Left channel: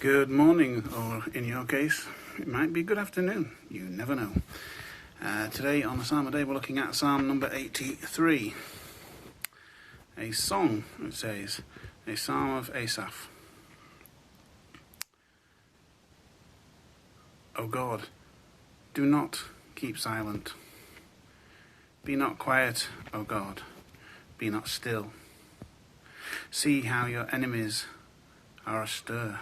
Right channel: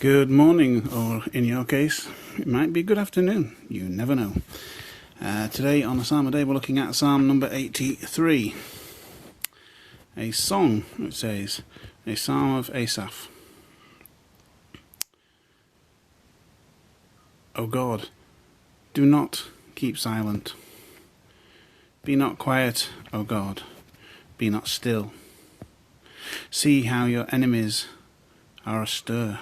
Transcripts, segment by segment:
Good morning, or in your case, it might be good afternoon. You never know. Today on the Psalm a Day, we're looking at Psalm number 83. A song, it says, a Psalm of Asaph. O God, do not keep silent. Be not quiet, O God, be not still. See how your enemies are astir.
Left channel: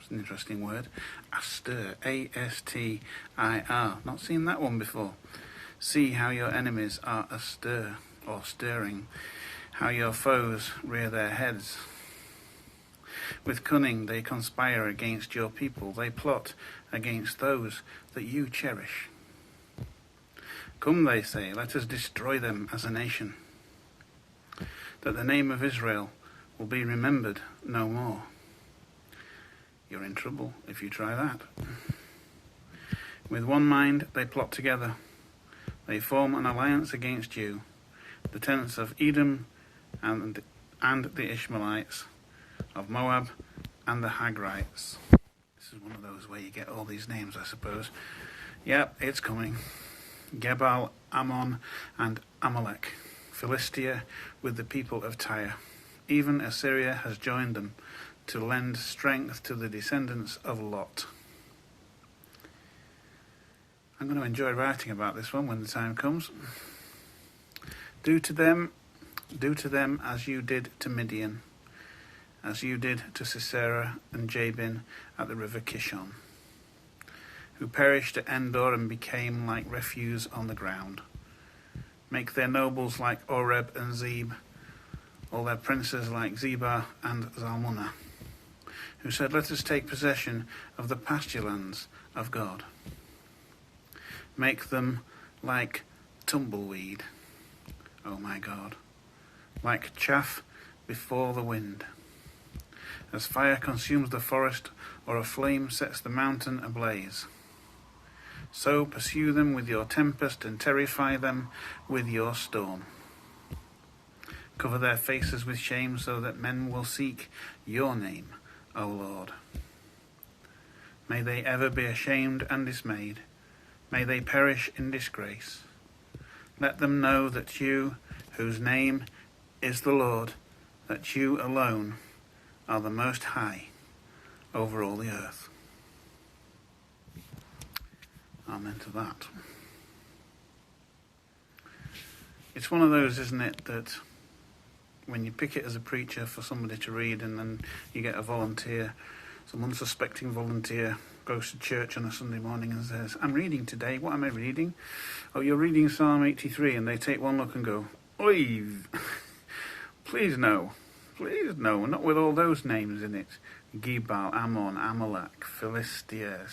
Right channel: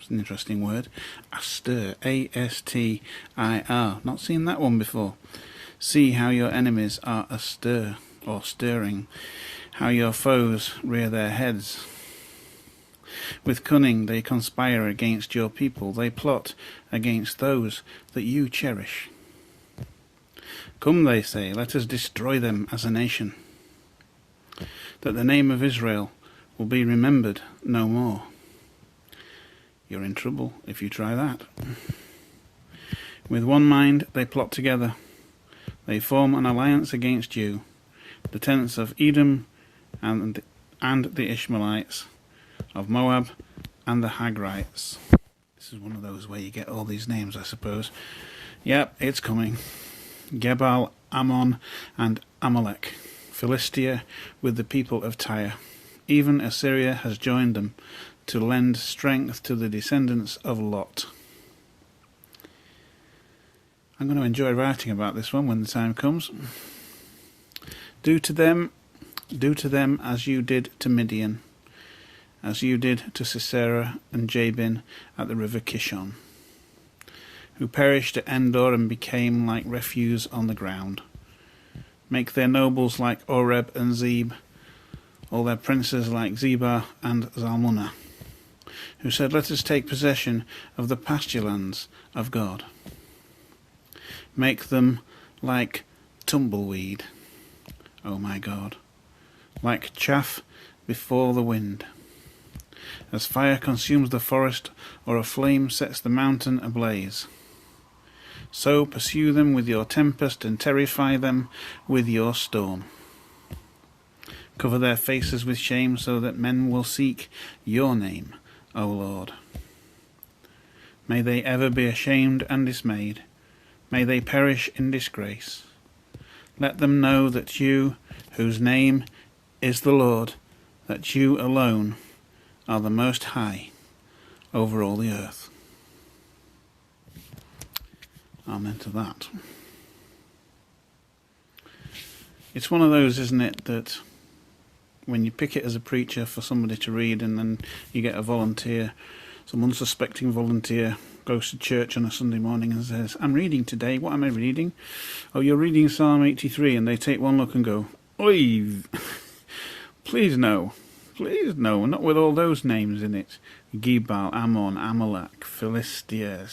It's an interesting word. Astir. A-S-T-I-R. Not seen that one before. See how your enemies are astir, or stirring. How your foes rear their heads. With cunning they conspire against your people. They plot against those that you cherish. Come, they say, let us destroy them as a nation, that the name of Israel will be remembered no more. You're in trouble if you try that. With one mind they plot together. They form an alliance against you, the tents of Edom and the Ishmaelites, of Moab and the Hagrites. This is one of those where you get all these names, I suppose. Yep, it's coming. Gebal, Ammon and Amalek, Philistia with the people of Tyre. Even Assyria has joined them to lend strength to the descendants of Lot. I'm going to enjoy writing about this one when the time comes. Do to them as you did to Midian, as you did to Sisera and Jabin at the river Kishon, who perished at Endor and became like refuse on the ground. Make their nobles like Oreb and Zeb, all their princes like Zebah and Zalmunna, who said, let us take possession of the pasture lands of God. Make them like tumbleweed, O my God, like chaff before the wind. As fire consumes the forest, or a flame sets the mountain ablaze, so pursue them with your tempest and terrify them with your storm. Cover their faces with shame so that men will seek your name, O Lord. May they ever be ashamed and dismayed. May they perish in disgrace. Let them know that you, whose name is the Lord, that you alone are the Most High over all the earth. Amen to that. It's one of those, isn't it, that when you pick it as a preacher for somebody to read and then you get a volunteer, some unsuspecting volunteer goes to church on a Sunday morning and says, I'm reading today. What am I reading? Oh, you're reading Psalm 83, and they take one look and go, oi, please no, not with all those names in it. Gebal, Ammon, Amalek, Philistia,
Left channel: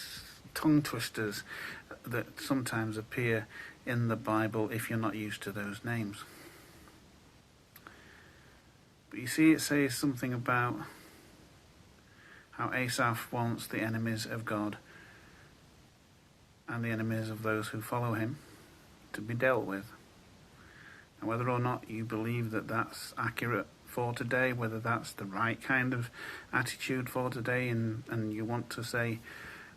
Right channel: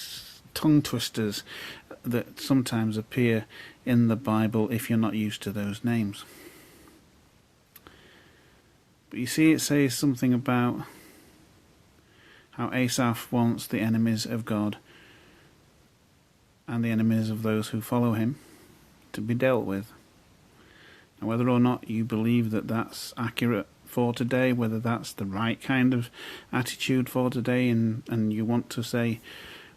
tongue twisters that sometimes appear in the Bible if you're not used to those names. But you see, it says something about how Asaph wants the enemies of God and the enemies of those who follow him to be dealt with. Now, whether or not you believe that that's accurate for today, whether that's the right kind of attitude for today, and you want to say,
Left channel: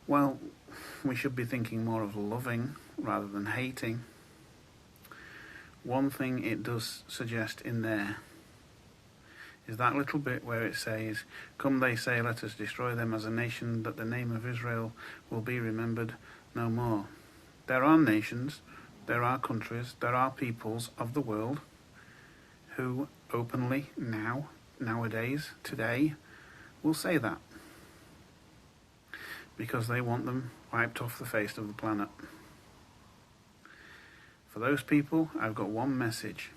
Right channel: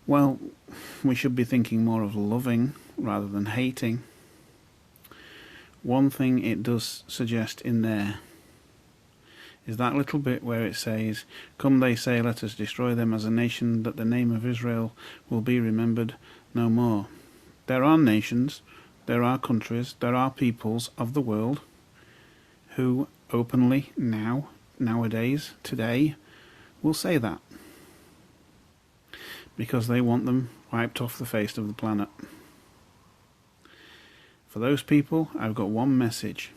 well, we should be thinking more of loving rather than hating. One thing it does suggest in there is that little bit where it says, come, they say, let us destroy them as a nation, that the name of Israel will be remembered no more. There are nations, there are countries, there are peoples of the world who openly nowadays, today, will say that, because they want them wiped off the face of the planet. For those people, I've got one message.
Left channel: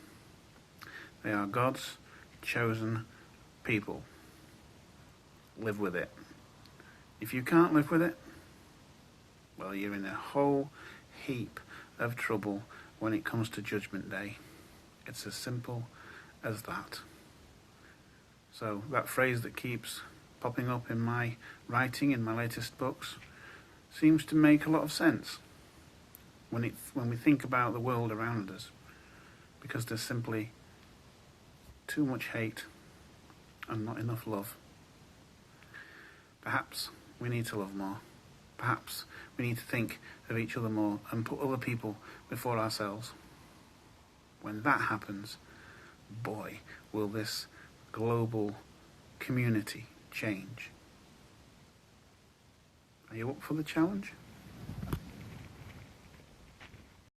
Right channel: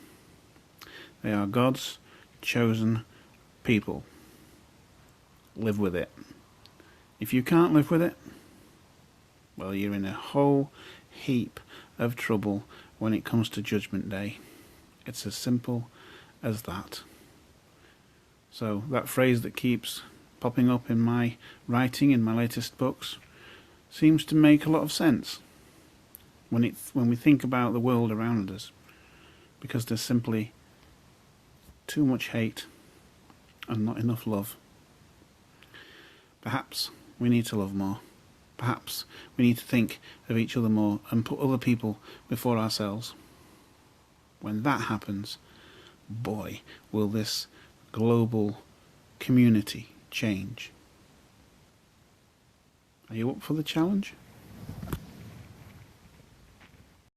They are God's chosen people. Live with it. If you can't live with it, well, you're in a whole heap of trouble when it comes to Judgment Day. It's as simple as that. So that phrase that keeps popping up in my writing in my latest books seems to make a lot of sense when we think about the world around us, because there's simply too much hate and not enough love. Perhaps we need to love more. Perhaps we need to think of each other more and put other people before ourselves. When that happens, boy, will this global community change. Are you up for the challenge?